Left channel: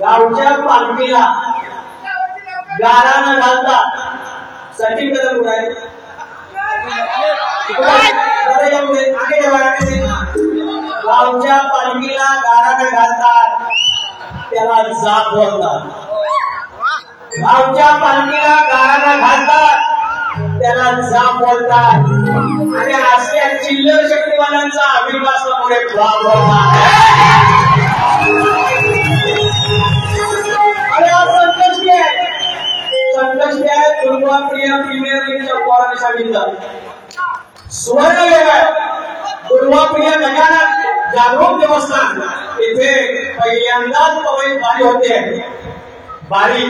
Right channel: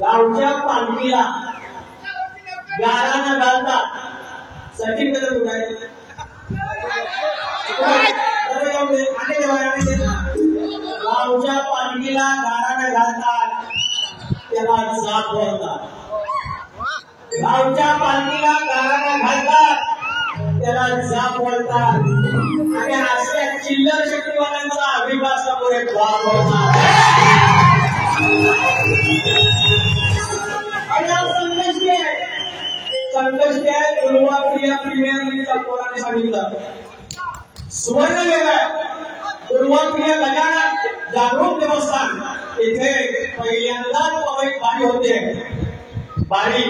गावच्या पालखीला गाराणा घालतात. सचिन कदम कुठे आहे? गावच्या पालखीला गाराणा घालतात, त्याला जाप बोलतात. गावच्या पालखीला गाराणा घालतात, त्याला जाप बोलतात. आणि अशा चिल्लर शक्तिवानांचा अभिवास समोर जाप बोलतात. दुर्वाप्रिया प्रीमियर लीगच्या पोराने सांगितलं सुवर्ण योग आहे. दुर्वाप्रिया गजानन जागरूक देवस्थान इथे पहिल्यांदाच बारी होते. बारी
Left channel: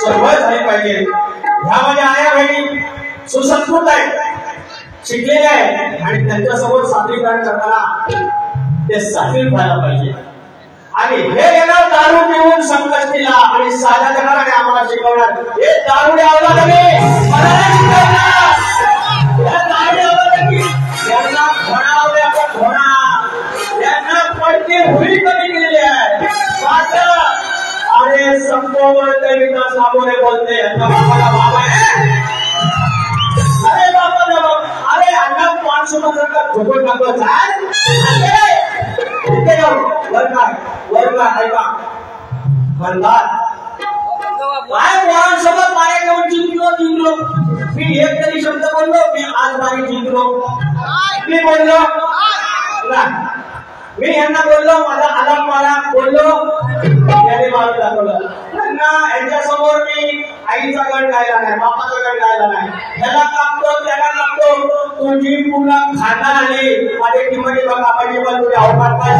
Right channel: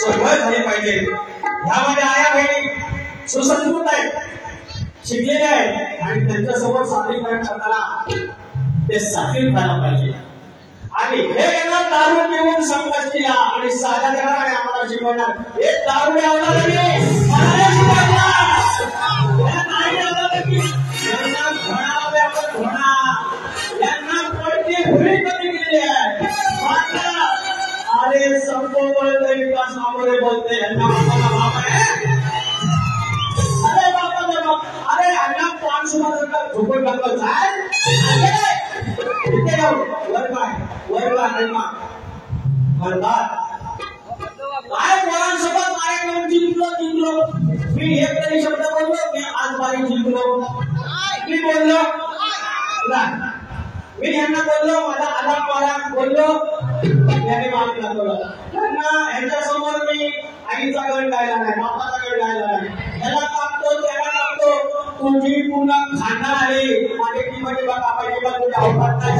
सोहळ झाली पाहिजे. ह्यामध्ये आया बहिणी सुसंस्कृत आहेत, शिकलेल्या आहेत आणि त्यांच्यासमोर सादरीकरण करताना ते सादरीत व्हायला पाहिजे. आणि हे येणार दारू पिऊन संकष्टीला आणि साध्या जणांना आम्हाला शिकवणार. हे दारू आवडा नव्हे, यांना घोणावले आपण घोणा, यांना पडते हुई कमी केलेली आहे. मात्र अरे संपवण विकास सामोरे बोलते यांचा बापाला बाबा आहे. अरे बापा बाबा, अरे अण्णा पानसुमासारखा झोपून टाकत आहे. वर काय ऐका म्हणतात काय पोरांसोबत मारे घेऊन जिंकलो. मी एक तरी शब्द बोललो, मी आज बारी जिंकलो. मी बोललो नाही, मी यांना बोललो माझा आलाम मारा बोललो, याने मारून दाखवलं. यांच्या समोर मी आईचा गण गायला नाही, बापाचा गण गायला नाही. याला कापतो त्याला कापतो, तुझी पूर्ण खाना आली माझे किंमती बघा पाहिजे. पण तुझ्या अवकात काय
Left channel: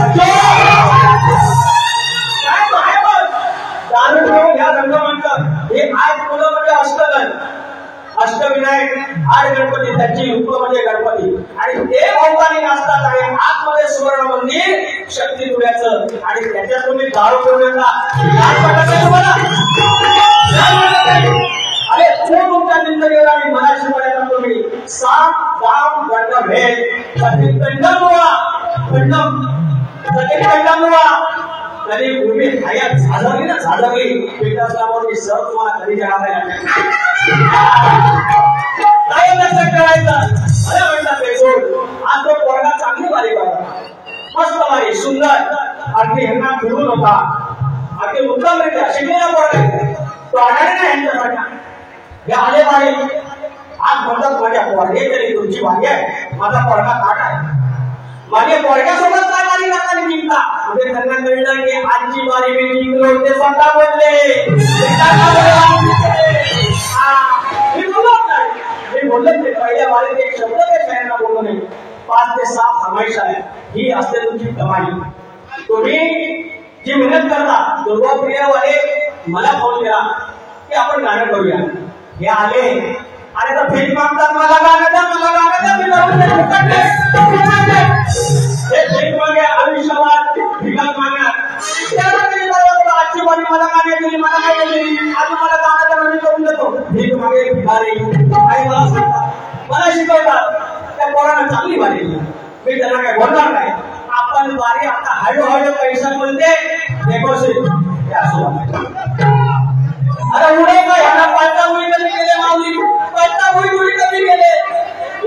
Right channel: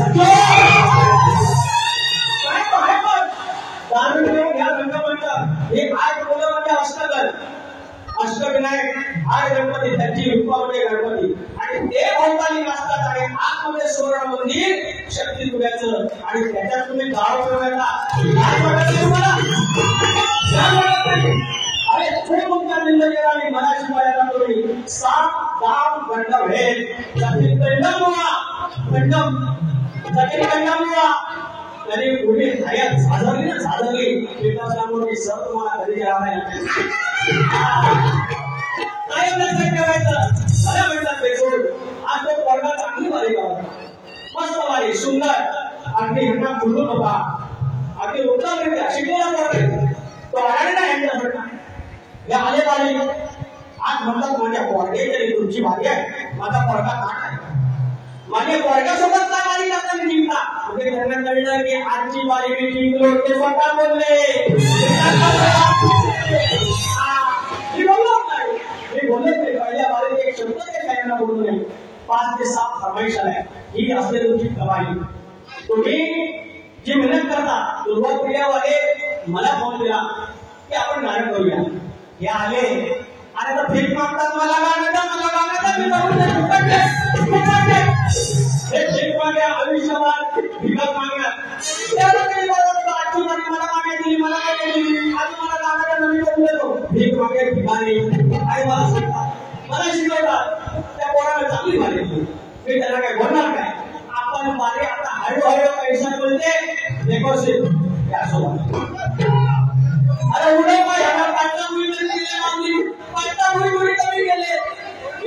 दारू घेऊन ह्या रंगमंच हे आज मुलं म्हणजे अष्टगण, अष्टविनायक, आठ गणपती, त्यांची युक्त म्हणजे गणपती आणि ते भोवतानी असतात. आणि आतमध्ये सुवर्ण मंदिर शक्ती दुर्याचं आणि त्याच्यात तुम्ही दारू पिऊन अरे तो तुमच्या निंदनीवर आणि मराठी सात गाव गंडम है सचिन गंडम हुआ सचिन गंडम हुआ कधी भूमी हयात झाजवली ना झाजवली विकासकामावरती सर तुम्हाला कधी जळावे लागेल काय लक्षात ठेवायचं मला म्हटलं बेसूड आज तो पोरगा चांगली वारी करत मस्त वारी सुंदर अगदी ह्यांना फिरून होता अगदी उत्तमरित्या शिकलेला पोरगा तो आणायला नाही यांच्यासाठी हे आले वारी आज म्हणतात माझ्या पोरग्याची तुमची वारी आहे माझा पोरगा काट आहे माझ्या पोरग्यासोबत काय वारी करताना जिंकता म्हणजे त्यांना कळलं की आजची वारी मी जिंकलो ते स्वतः बोलले मी बोललो ते पहिल्या वारीत एक शब्द ते शाळांना बोललो नाही 5 ते 7 फरमाईश आहे ही असते तुमची कमाई तुम्ही जी मेहनत करता दुर्वा प्रियावाले मला फोन केला की आपण गाणं करूया हे आले आणि तर फेक मागतात मला गाणं द्या मी गाणं हे फेक मागे आयुष्यवाद भिकात मागणार आजची वारी मला गाणे दिली मला काय दिली आज मला गाणं मी करून देतो भीक मागे भिकारी आणि मला सांगतात मला शिकवतात त्या पोरानं चांगली वारी दिली मी त्यांना काय बोलणार नाही आपण वारी आता हळूहळू पैसा बोलते नेगोशिएट अरे उडे का यांना पळता उडी कधी केले माऊली पळता उडी कधी केले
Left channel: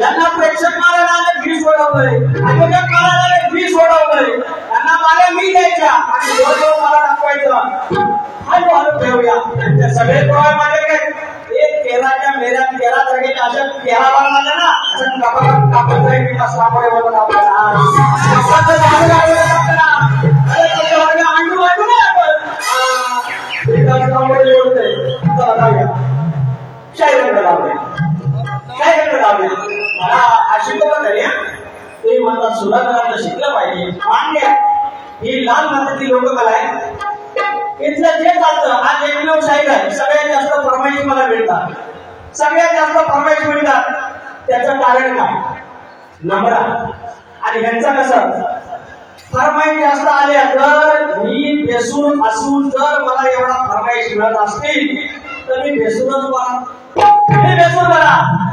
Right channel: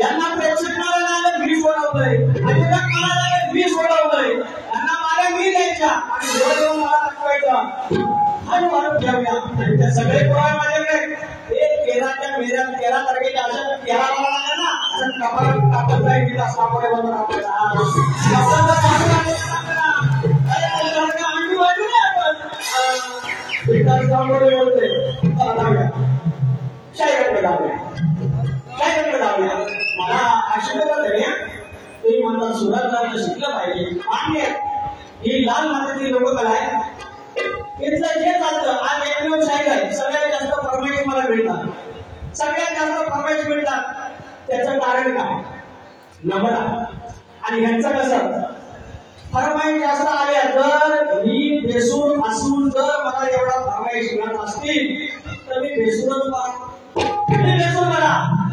यांना प्रेक्षक मारायला 20 सोडवलंय आयोजक मारायला 20 सोडवलंय यांना मारे मी द्यायच्या आणि जोरजोर मला दाखवायचं हळूहळू ठेवूया ते सगळे पोरं माझ्याकडे एक 13 तारखेच्या अशा 13 वार आल्या ना असं कापत जाईल विकास लांबोडे बोलत आपल्याला मला आशिकवलं तरी तुम्ही म्हणतात सुधारणाला शिकलं पाहिजे मान्य ही लाल मातीतली लोककला आहे इथलं जे चालतं आज एकमेव शाहीर आहे सगळ्यात जास्त फरमाईश मला मिळतात सगळ्यात जास्त फरमाईश मिळतात त्याचं कारण काय नम्रा आणि ह्यांचं कसं फरमाईश जास्त आल्या तर मी बेसूर असून जर मला एवढा फरमाईश मिळत असतील तर मी बेसूरच बरा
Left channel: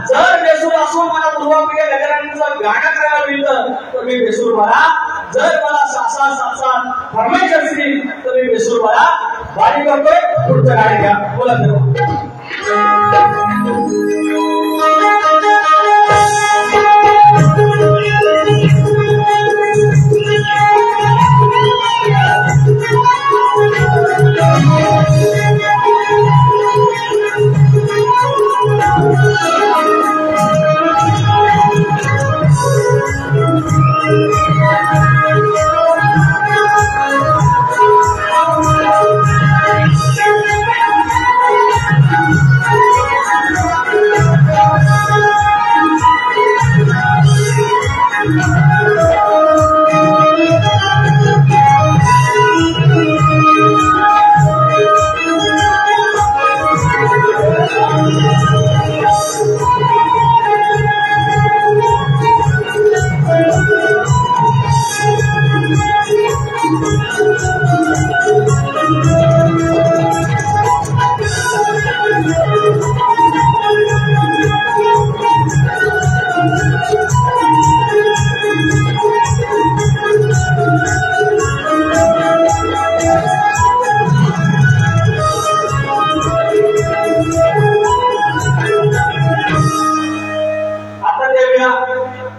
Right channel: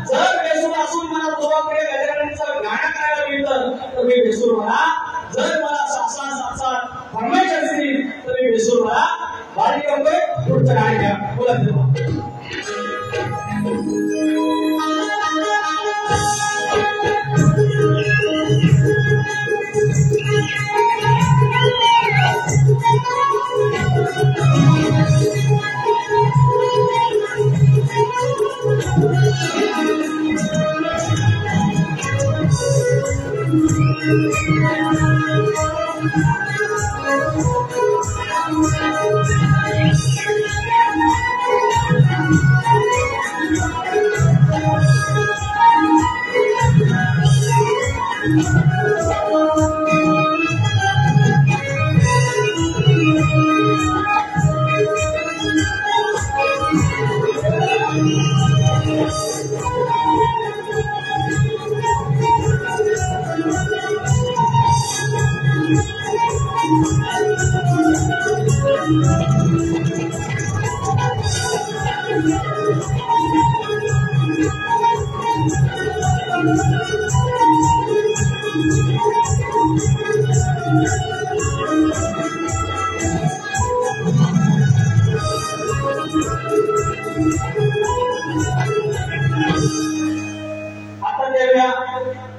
जर बेसूर असून मला पूर्वप्रिय गजरांचं गाणं करायला मिळतं तर मी बेसूर बरा जर मला 6 फरमाईश असतील तर मी बेसूर बरा वारी करतोय पुढचं गाडी घ्या बोला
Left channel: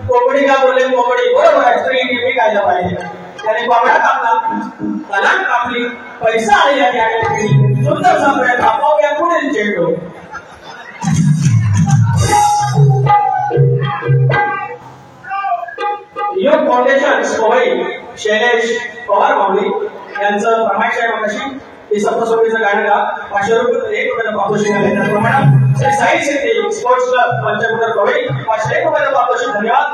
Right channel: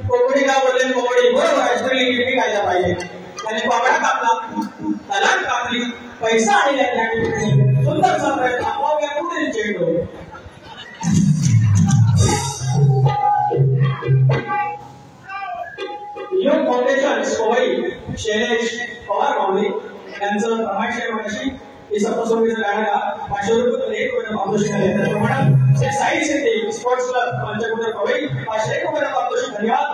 कोकणी का बोलले कोकणी बरोबर आहे स्त्री कायदा पाहिजे त्याने कोकणा कापला तलाक कापली पैसा आलेला त्या ठिकाणी सुंदर सापडला आपोआप पुढे चेंडू योग फाउंडेशन सोहई शैलेश पवार माऊली यांचं फरमाईश आहे कशी ही सप्तसोडीचं गाणं गा 500 रुपये 1 रुपयाला पारितोषिक आहे त्याप्रमाणे Shri Sai city sports club Panchkutar कोळी 500 रुपयाला पारितोषिक धन्यवाद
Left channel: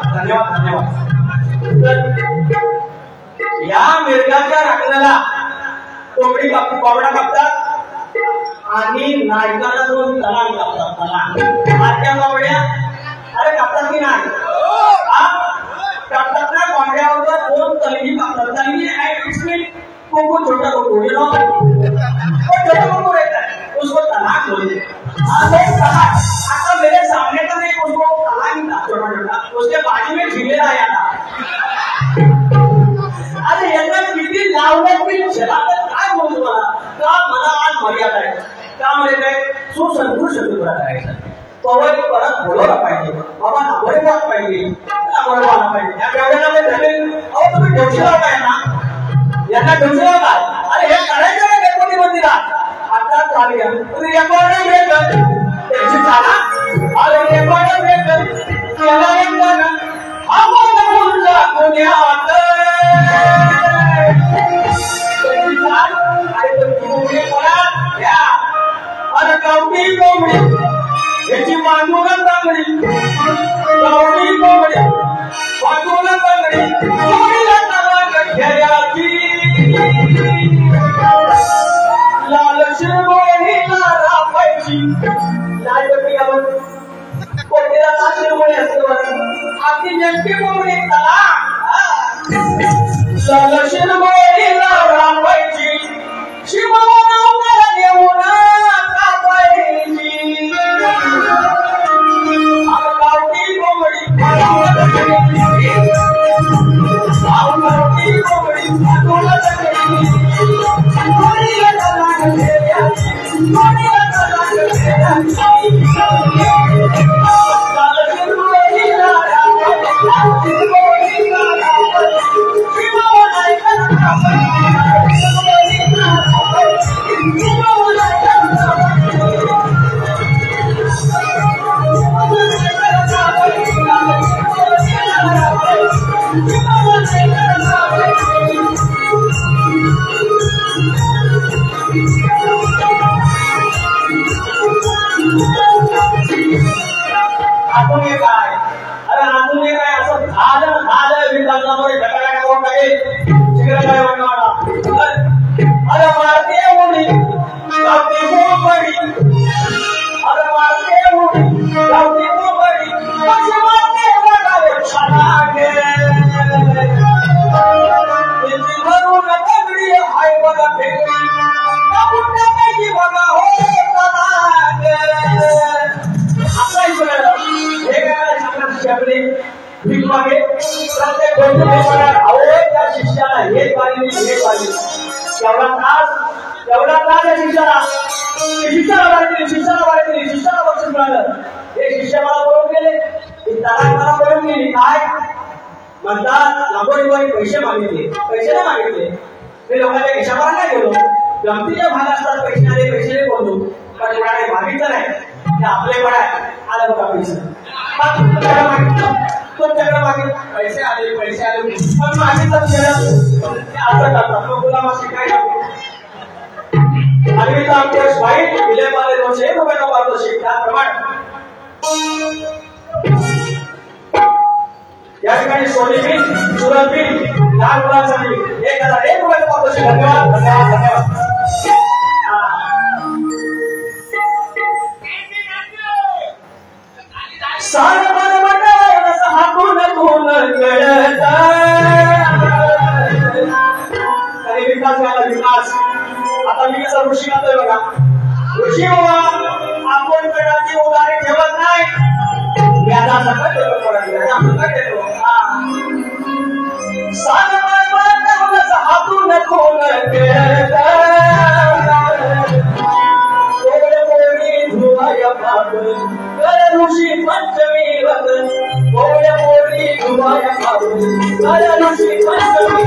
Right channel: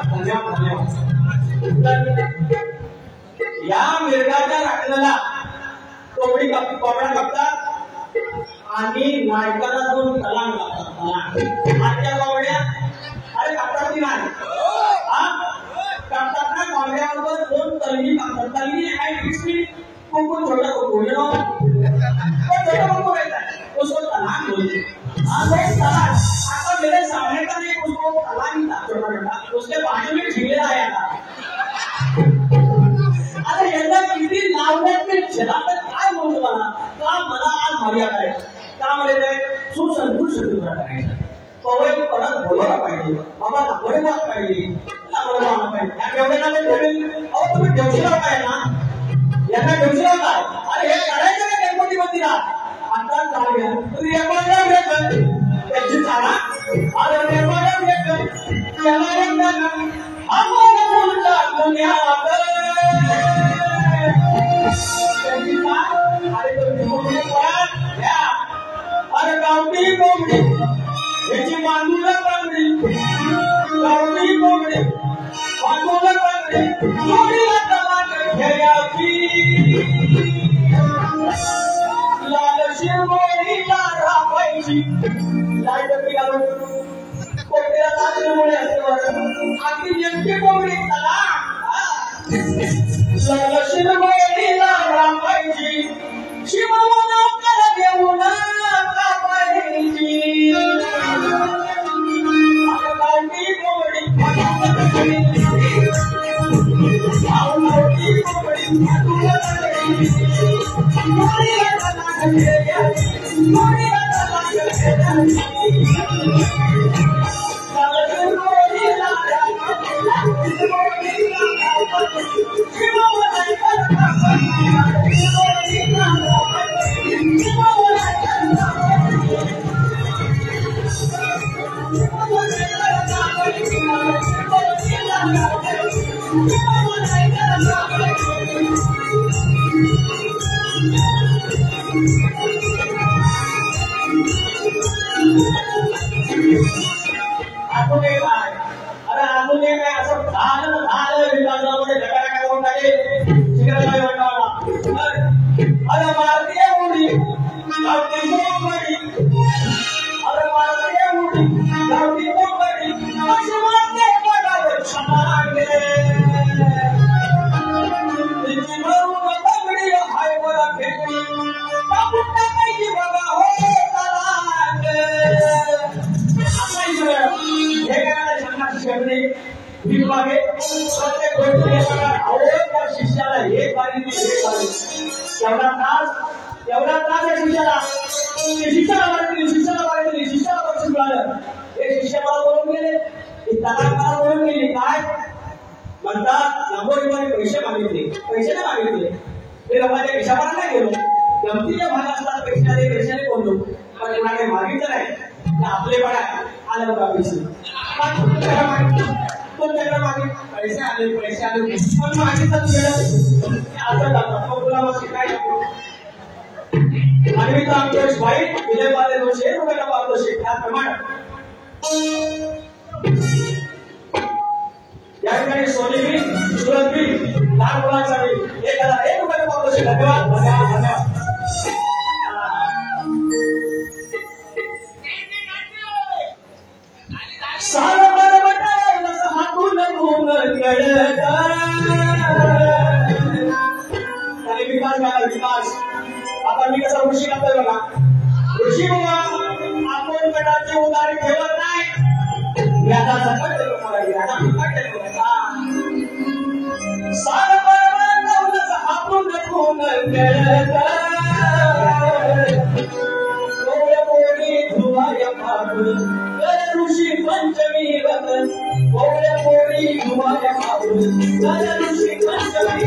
या मिरगाच्या राखण्याला कोंबडा कापतात आणि नायकाला दोन तलाक कापतात आजच्या कोंबड्या अरे कापतात की नाही कापतात ना कोंबड्यावर 2 तलगी कापतात तलगी कुकुर छोटा कुकुर यू नो छोटा कुकुर रहता है उसको तलाक बोलते हैं आता मेरे सामने का नहीं उसको तलाक ही था पुरा करायचा पवाई परत बोलवला पाहिजे बाबा नागोरेवाला पाहिजे नागोरेवाला पाहिजे या केवढ्याला भेटेल अहो तुम्ही ठेवशीला काय ना यांना ठेवशीला काय अरे हे करायचं ना गणपती मंदिरात आता चालू घ्या तुम्ही रेकॉर्ड भेट त्याची चाला अरे रेकॉर्ड भेट त्याला एक ना आपण बोलला पुण्यात त्याची चाल अरे तुम्ही पळा घ्या अरे गावठी कोंबडी याची मांडूला चांगली गावठी कोंबडी मांडूला चांगली जोडीला तलाक घ्यायची लाल शिरगोळीला राखायची लाल कोंबडी घालून कोंबडीला लाल शिरगोळी असतो आपली नेमकी कोंबडी तलाक लाल शिरगोळीला राखायची शिवाला देऊन पैसे मागितले पैसे नाही मागितले ते लोकांच्या खिशावर नाही गेलो गमतीच्या भाग असतात पैसे बोलतो पण कोणाने मागितलं नाही ते आपले पण आहे आलं बघा पैसे तुमच्याकडे मागितले पैसे आले पण मागितलं असं करतात मग तुला मग शिकायला आम्ही तर आमच्या वाईट विजयमध्ये 200 रुपयाला पारितोषिक त्याप्रमाणे या ठिकाणी सोनी बिल सुरत बिल लहान मुलांसाठी 1001 रुपये पारितोषिक धन्यवाद धन्यवाद धन्यवाद सारं बरं हातून धुन गळत आणि विकास व्हायला विकास आता मी कसा ऋषी करतोय बघा ऋषी आपण कडाची उदारी ठेवत नाही व्याजा सकट देतो सकट देतो सारं बरं हातून धुन गळत धुवाय फागुन ऋषी पंचमी वतन गोळ्या पोळी धुवाय फागुन ऋषी पंचमी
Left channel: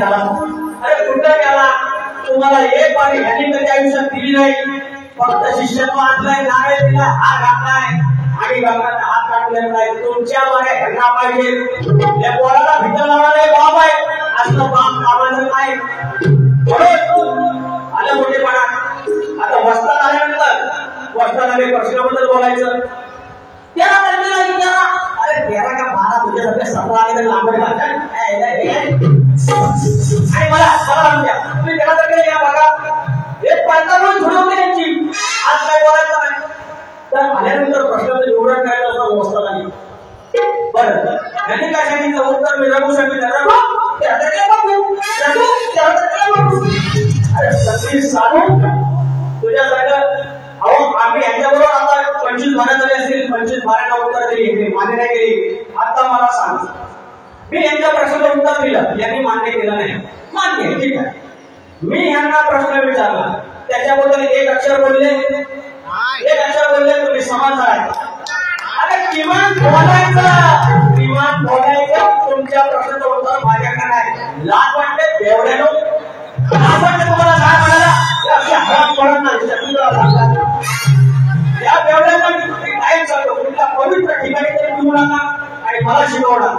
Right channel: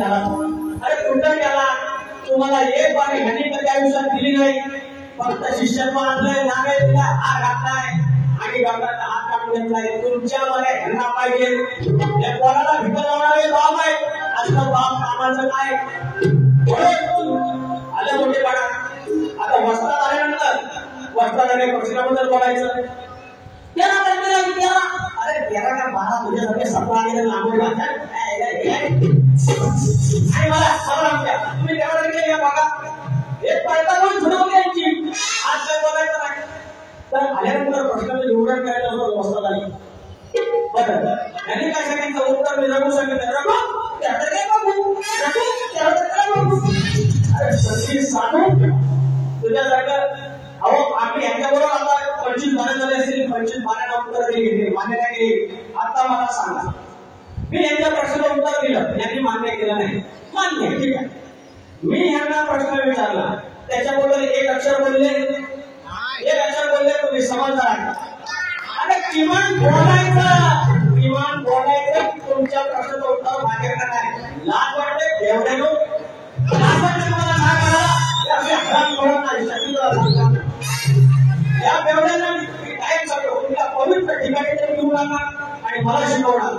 झाला. अरे कुठं गेला? तुम्हाला एक पाणी ह्याने कधी आयुष्यात दिली नाही. फक्त शिष्यत्व आणलंय, नारळ दिला, हार घातलाय आणि गंगाचा हात काढून घेतलाय. तुमच्या बऱ्या ह्यांना पाहिजे. या पोराला भितर लावणारे बाप आहे. असं बाप कामाचं काय? आलं मोठेपणा. आता वस्ताद आल्यानंतर वस्तादाने प्रश्नाबद्दल बोलायचं. त्याला अरे तेरा का बारा तुझ्यासारखे 17 आणि तर लांबड घालतात. आणि मला सांगूया तुम्ही त्याला तर या बघा एक पायतावर झुडवली यांची. आज काय बोलायचं नाही. तर आल्यानंतर प्रश्नाचं निवडण करायचं असं वस्ताद आली. बरं यांनी काय सांगितलं उत्तर? मी रघु सांगितलं. अरे सगळी साधू तुझ्यासारखं. अहो आम्ही यांच्याबरोबर आता 25-12 झाले असतील. 25-12 उत्तर दिली, मान्य नाही केली. आता मला सांग, मी यांच्या प्रश्नाचं उत्तर दिलं, यांनी मान्य केलं नाही. मान्य ठीक आहे. मी यांना प्रश्न विचारला, त्याच्याबद्दल एक अक्षर बोलले, एक अक्षर बोलले, तुम्ही समाज आहे. अरे किमान बोलायचं तुमच्या प्रश्नाचं उत्तर माझ्याकडे नाही. लाज वाटते एवढे लोक. लाज वाटते तुम्हाला काय म्हणाला? या तेवढ्याला मी काय सांगतो, तुमच्या पवित्र ठिकाणी तरी घेऊ नका आणि मला शिकवणार.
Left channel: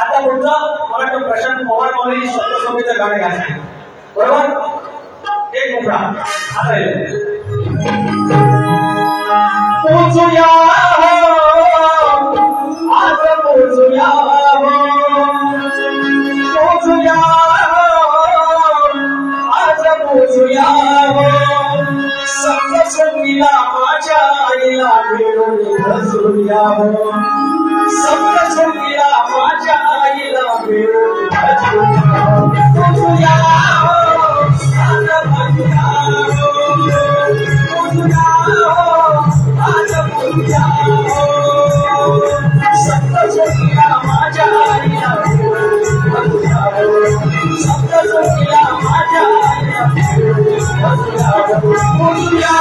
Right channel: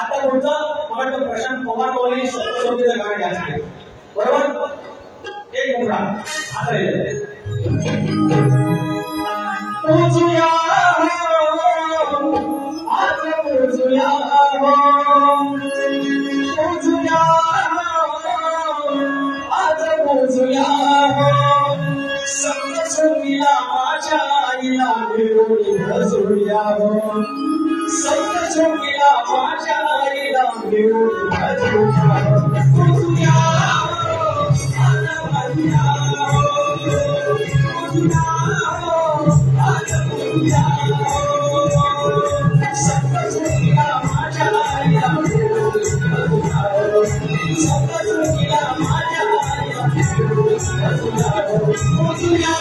आता पुढचं मला प्रशांत पवार बोलणे सप्तशोभेचं गाणं घ्यायचं बरोबर. एक मुद्रा आता पोचूया आज पोचूया पोचूया आज पोचूया सप्तशृंगीला माझ्या आईला मिळून भजूया. सप्तशृंगीला माझ्या आईला मिळून भजूया. पोचूया आज पोचूया पोचूया आज पोचूया. सप्तशृंगीला माझ्या आईला मिळून भजूया. सप्तशृंगीला माझ्या आईला मिळून भजूया. पोचूया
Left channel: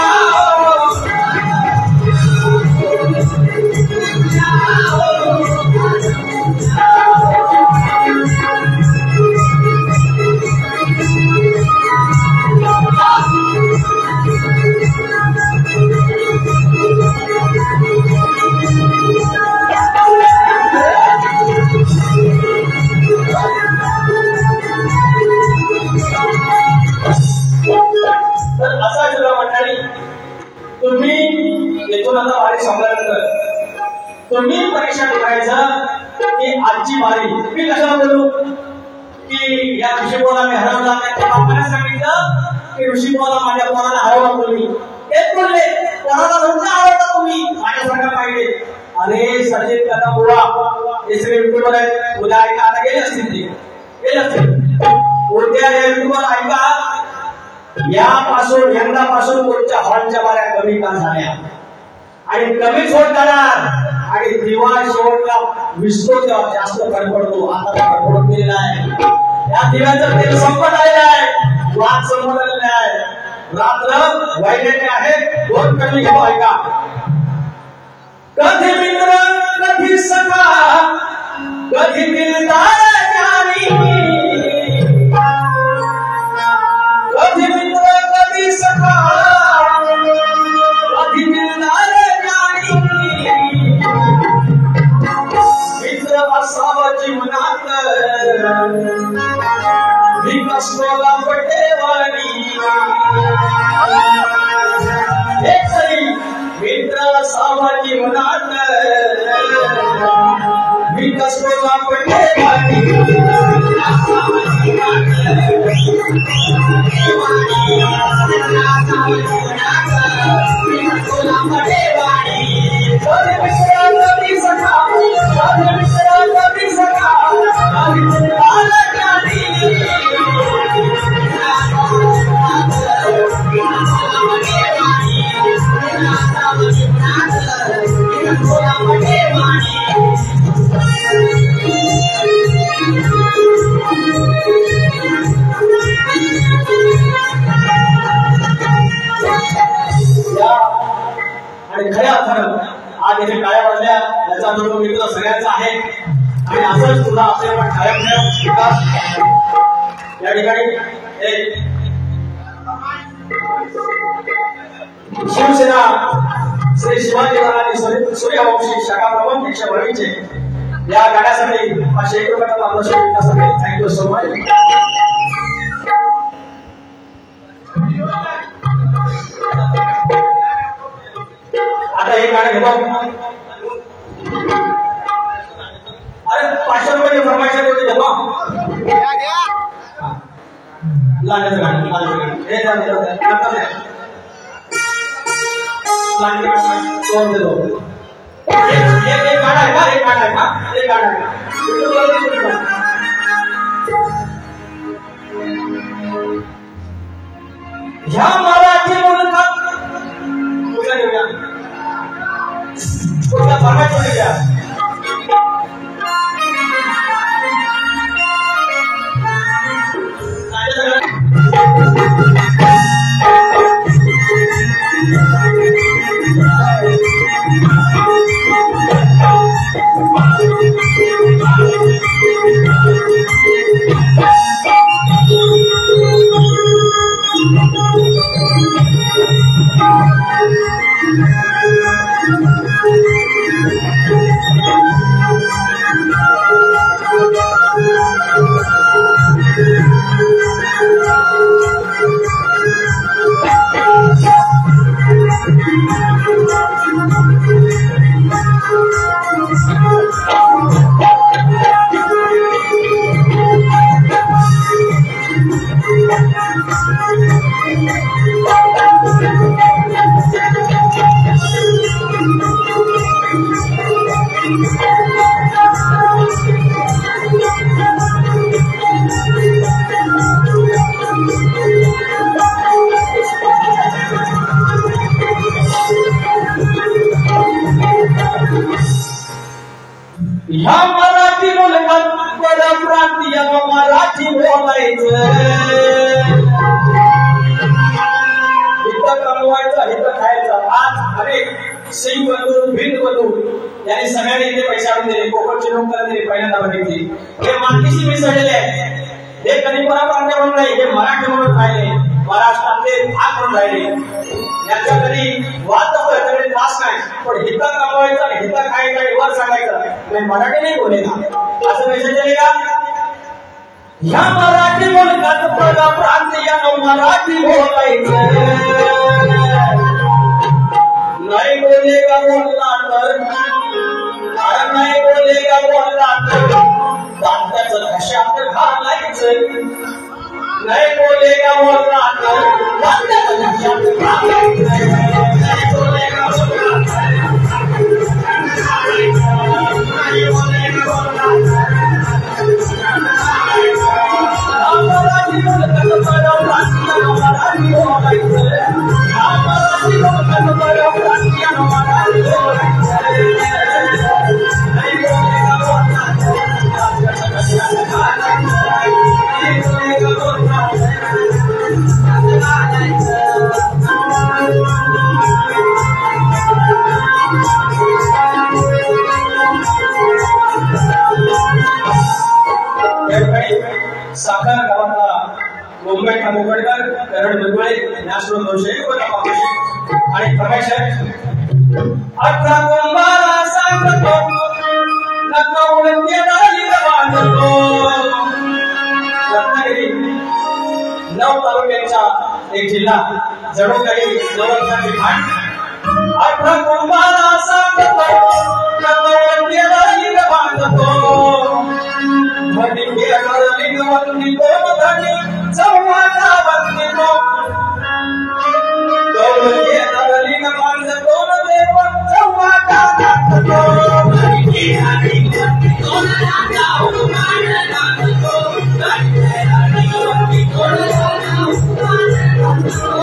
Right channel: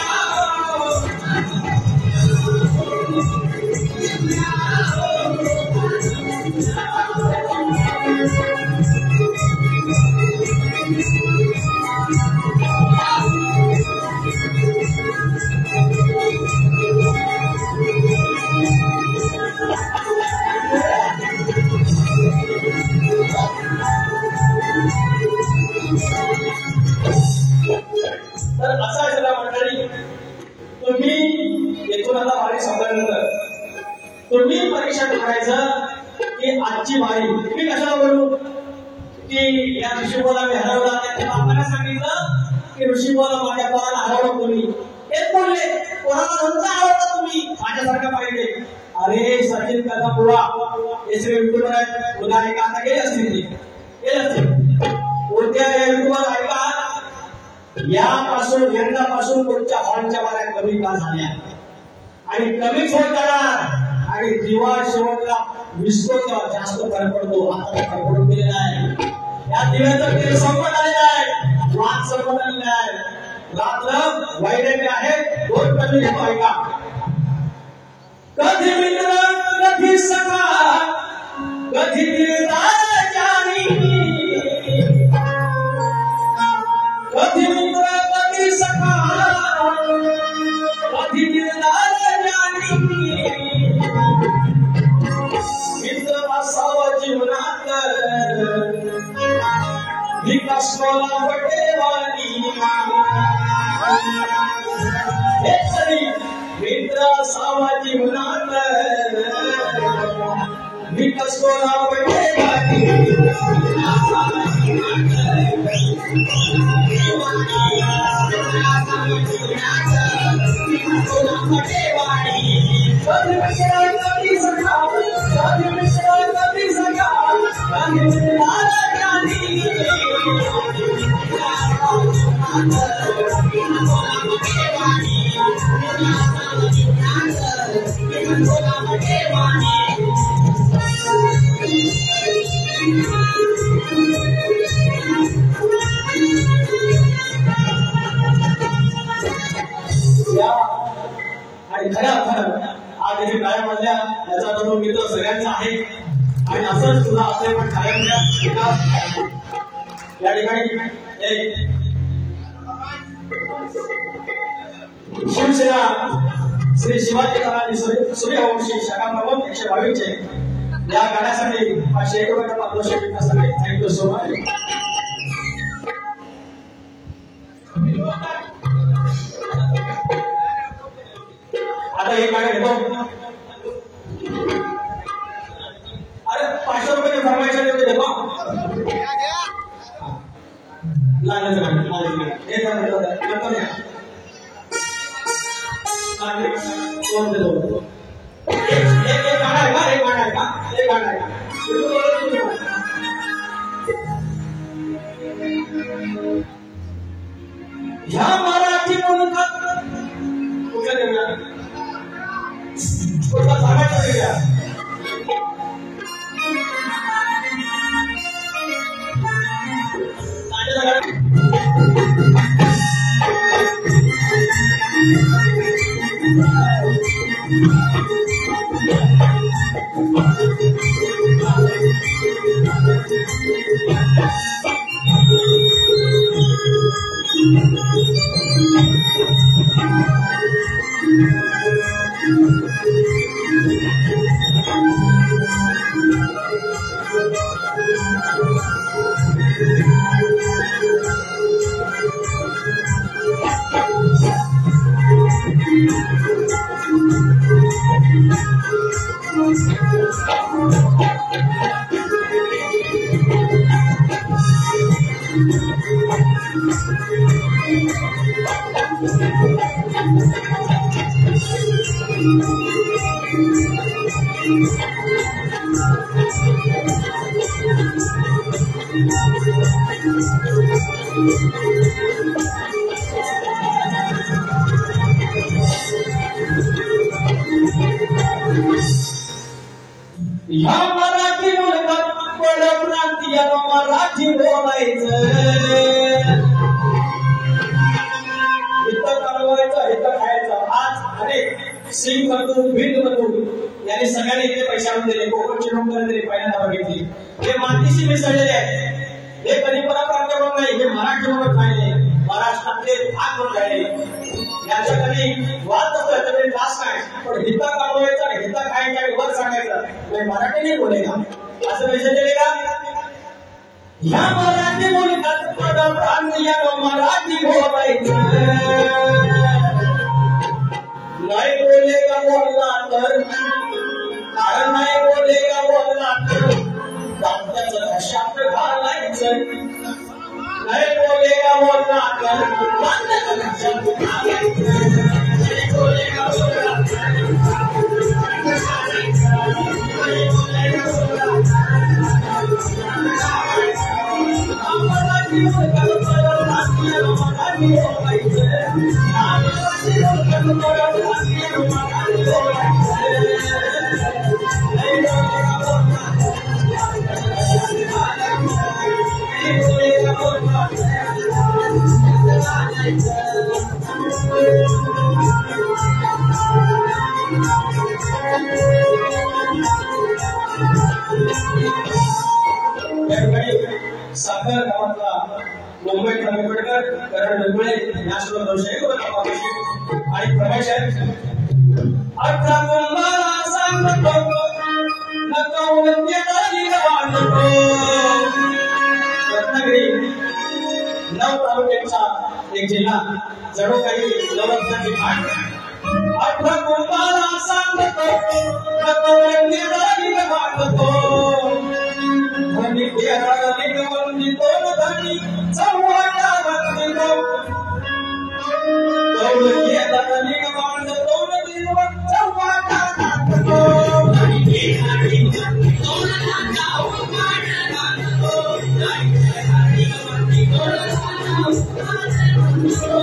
तुम्ही परीक्षा करायचं की आजची बारी. मी कशाला बोलू की या ऋषीपोला मी हरवला, त्यांच्या बापाने सांगितलं की ऋषीपोला माझ्या पोराला हरवला. तुम्ही तेच बोलले, पोराला तुमचा आवडता, तुम्ही माझ्यासारखा पाहिजे. अरे सचिन कथा बुवा हे सगळे युट्यूबर आहेत. उद्या ऐका, आता गेले असतील ते गेले असतील. उद्या या युट्यूबर ऐका, यापासून यंदापासून पुढच्या हॉलच्या बाऱ्या कमी का झाल्या आणि कमीच होत जाणार. आणि दिवा शेवटला विसतो तेव्हा जास्त कडकडतो. आता कडकडून गेलेला आहे. या दिव्याचं तेल संपत आलेलं आहे. वाद संपत आलेला आहे. रात्र वैद्याने आहे. 2 कमी घेतो ऐका. कधी मित्र कधी सखा कधी दिलदार जाणी. कधी मित्र कधी सखा कधी दिलदार जाणी. मित्र असावा जीवनात विकासला पटेवाणी. हे सरी मित्र असावा जीवनात विकासला पटेवाणी. आणि खऱ्या अर्थानं आज इथे टाळ्या वाजल्या याचा तो मित्र सगळ्यांचा आहे आणि असंच सुद्धा असेल पण टाळ्या या ठिकाणी एक शिवसेना श्री शिवाजी महाराज सूर्यवंशी शाखा प्रमुख 122 या गाण्यासाठी 501 रुपयाचा आपलं शेवटसाठी थँक्यू सो मच. आता हे गाणं घेतो. अरे 500 रुपये फरमाईश होते घेतो. लागलं गाणं हे नंतर कौन दे दो एक गाना है का एक गाना है का एक गाना है या मराठी मुलकात कुठला देऊया कुठला फॉर्मॅट मध्ये घ्या. या मराठी मुलकात बडा प्रांतीय मराठी बोलायचं. हित कमवायचं हित खायचं. आज अनेक सिंग बंधू भिंद बंधू यांनी सगळ्यांनी इथे पैसे आणून दिले. कोकणची लोकांना दिली पहिल्यांदा बघितली. हे मातीशी मिसळलेले आहे. हे कधी प्रांत म्हणून नाही हे मराठी म्हणून राहिले. महाराष्ट्रातले भाग म्हणून राहिले. याचा कधी वाद नसतो याच्यामध्ये त्रास नाही. पण हित कमवायचा हित खायचा वर सांगायचं मैं मराठी नहीं बोलेगा असं मेसेज चलेगा. या मराठी मुलकात बडा प्रांतीयानं मराठी बोलायचं. नाही बोलेगा बोलला तर कारण नाही बोलेगा बोलला तर दाताचं घशात घालायचं. नहीं बोलेगा बोलना कर दाताचं घशात घालायचं. नहीं बोलेगा बोलना साखर गावातला मुंबई मुंबईकर करण दुर्गुळे नॅशनल 200 आणि प्रमेश आहे. 18 कुंभारा सांगतो नका उडते दारी बांधतो. रत्नागिरी 9 तालुक्यांचा एक जिल्हा जणू काही 9 ठिकाण. 18 कुंभारा सांगतो नका उडते दारी बांधतो. भंडी केरळ लिंगवंती तोमधनी चौवाटा बंदिनो. गौर केरळ लिंगवंती तोमदेव चौवाटा बंदिनो. भंडी केरळ लिंगवंती तोमदेव चौवाटा बंदिनो. भंडी केरळ लिंगवंती तोमदेव चौवाटा बंदिनो.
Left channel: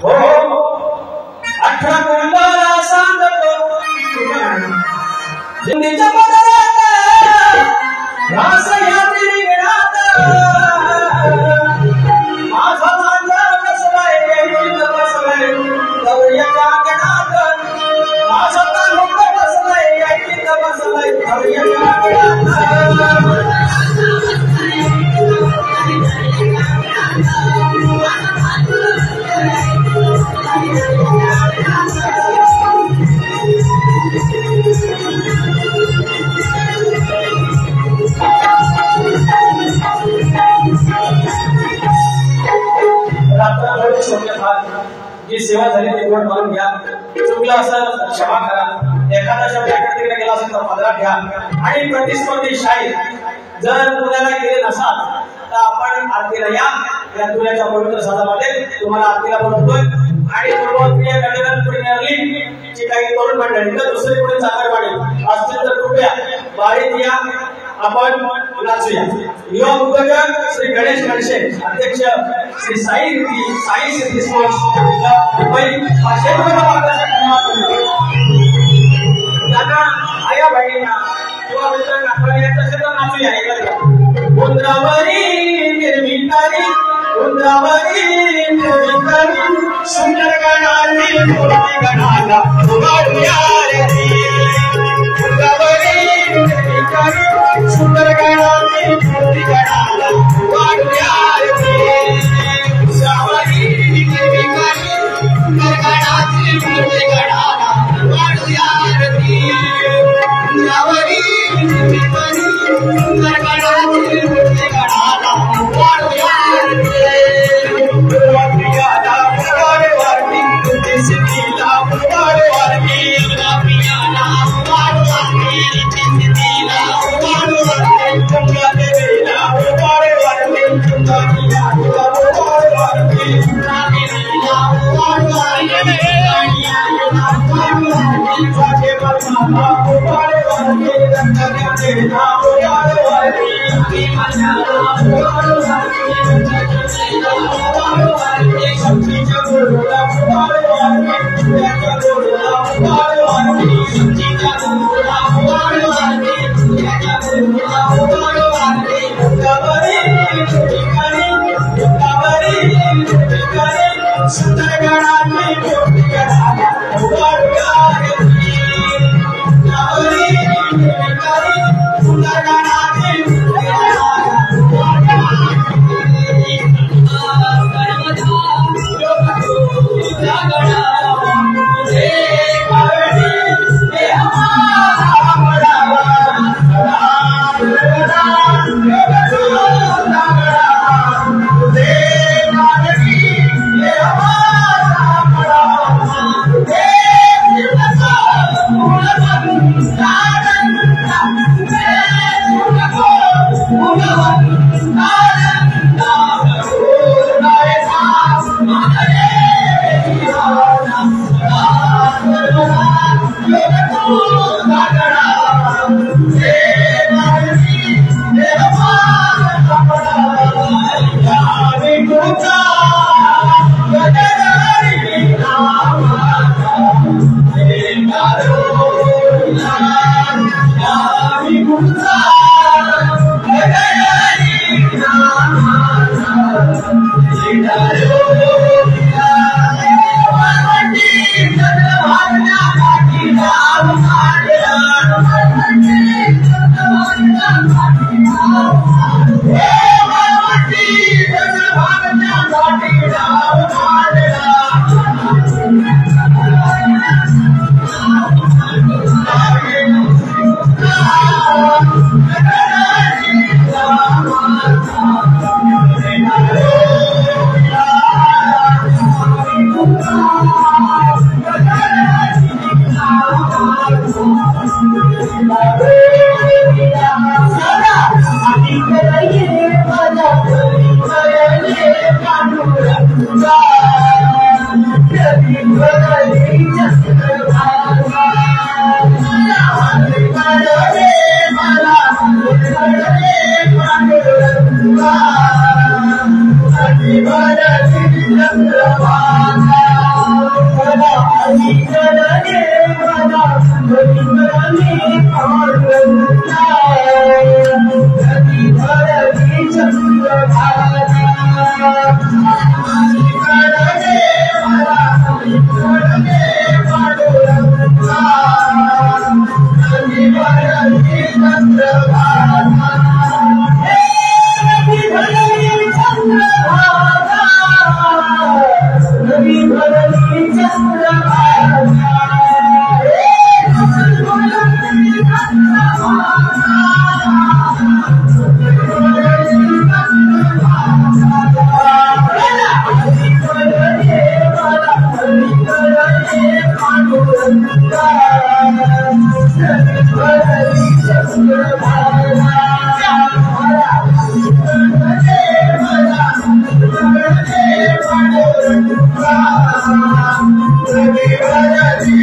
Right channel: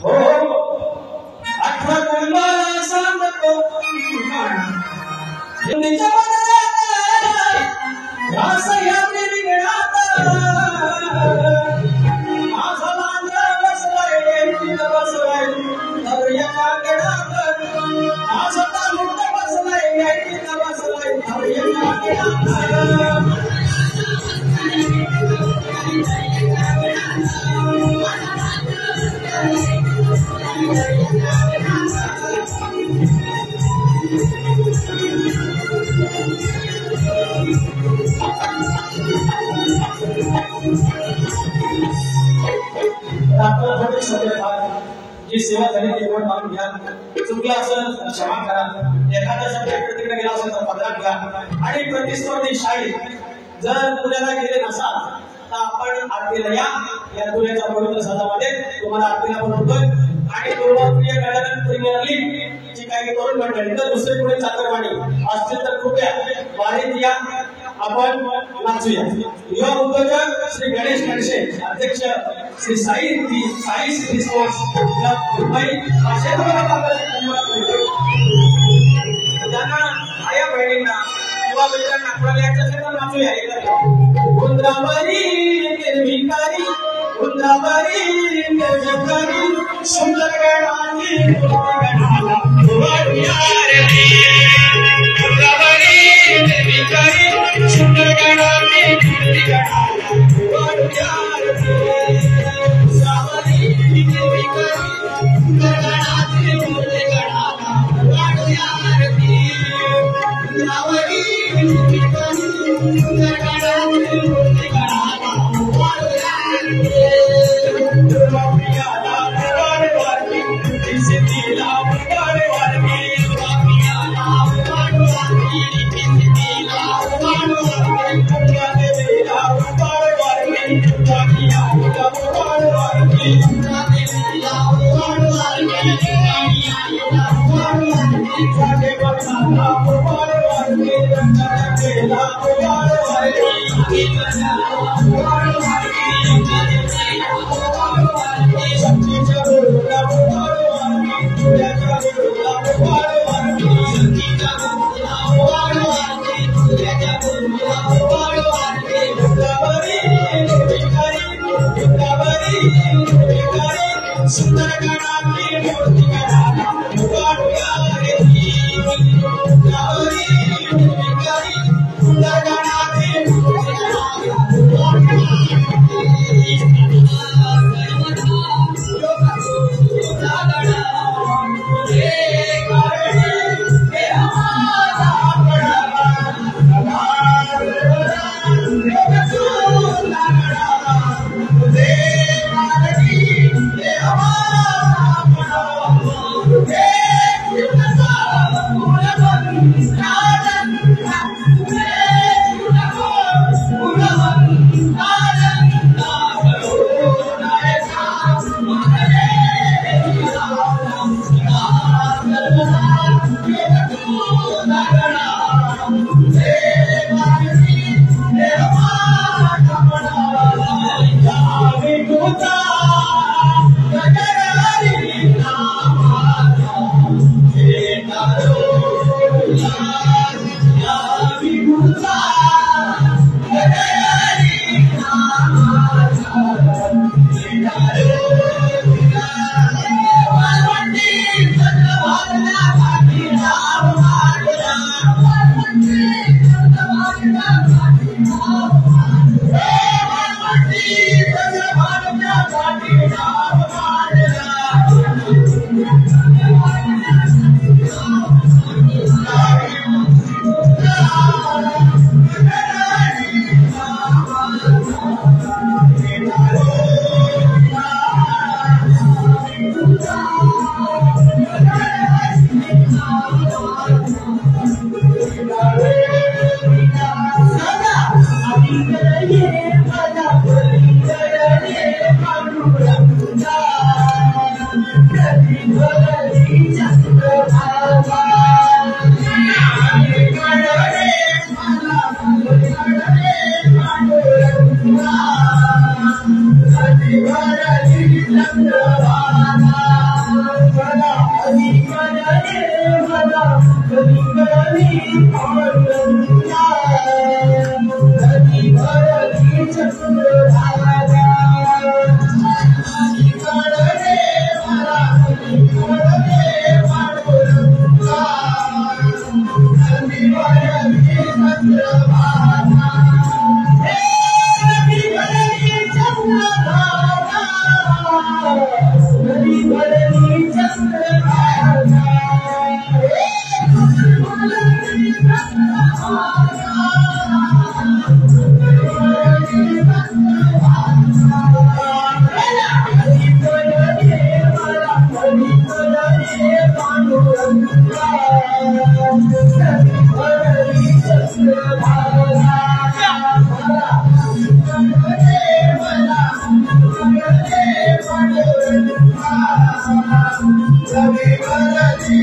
हो 18 कुंभारा सांगतो हिंदीच्या बदलात घास या रिंगणात जी सेवा झाली ती गोड मारून घ्या. चुकला असं क्षमा करा. एखादा शब्द इकडे तिकडे गेला असेल तर पदरात घ्या. आणि प्रतिस्पर्धी शाहीर जर पुण्याला गेले नसाल तर आपण आरतीला या तुल्याच्या पवित्र सदामध्ये तुम्हाला आरतीला बोलवतोय. आणि पूर्वप्रिय गणगण प्रीमियर लीग ची काही तरुण मंडळी तर दुसरी कोणी चाकरमानी असतील तर कृपया बारीत या, आपण नाचूया. युवा उद्योजक श्री गणेश गणशे, अध्यक्ष श्री साई सिद्धी स्पोर्ट्स मुंबई त्यांना आया बहिणींना किंवा मित्रांना आपण यायचं असेल तर नाचूया एकत्र. उंद्रावरी निर्विकारी, उंद्रावरी निर्विकारी, सुंदर गणाली मूर्ती गणाला उभारूया रे. उंद्रावरी निर्विकारी, सुंदर गणाली मूर्ती गणाला उभारूया रे. उंद्रावरी निर्विकारी, सुंदर गणाली मूर्ती गणाला उभारूया रे. उंद्रावरी निर्विकारी, सुंदर गणाली मूर्ती गणाला उभारूया रे. भंडारी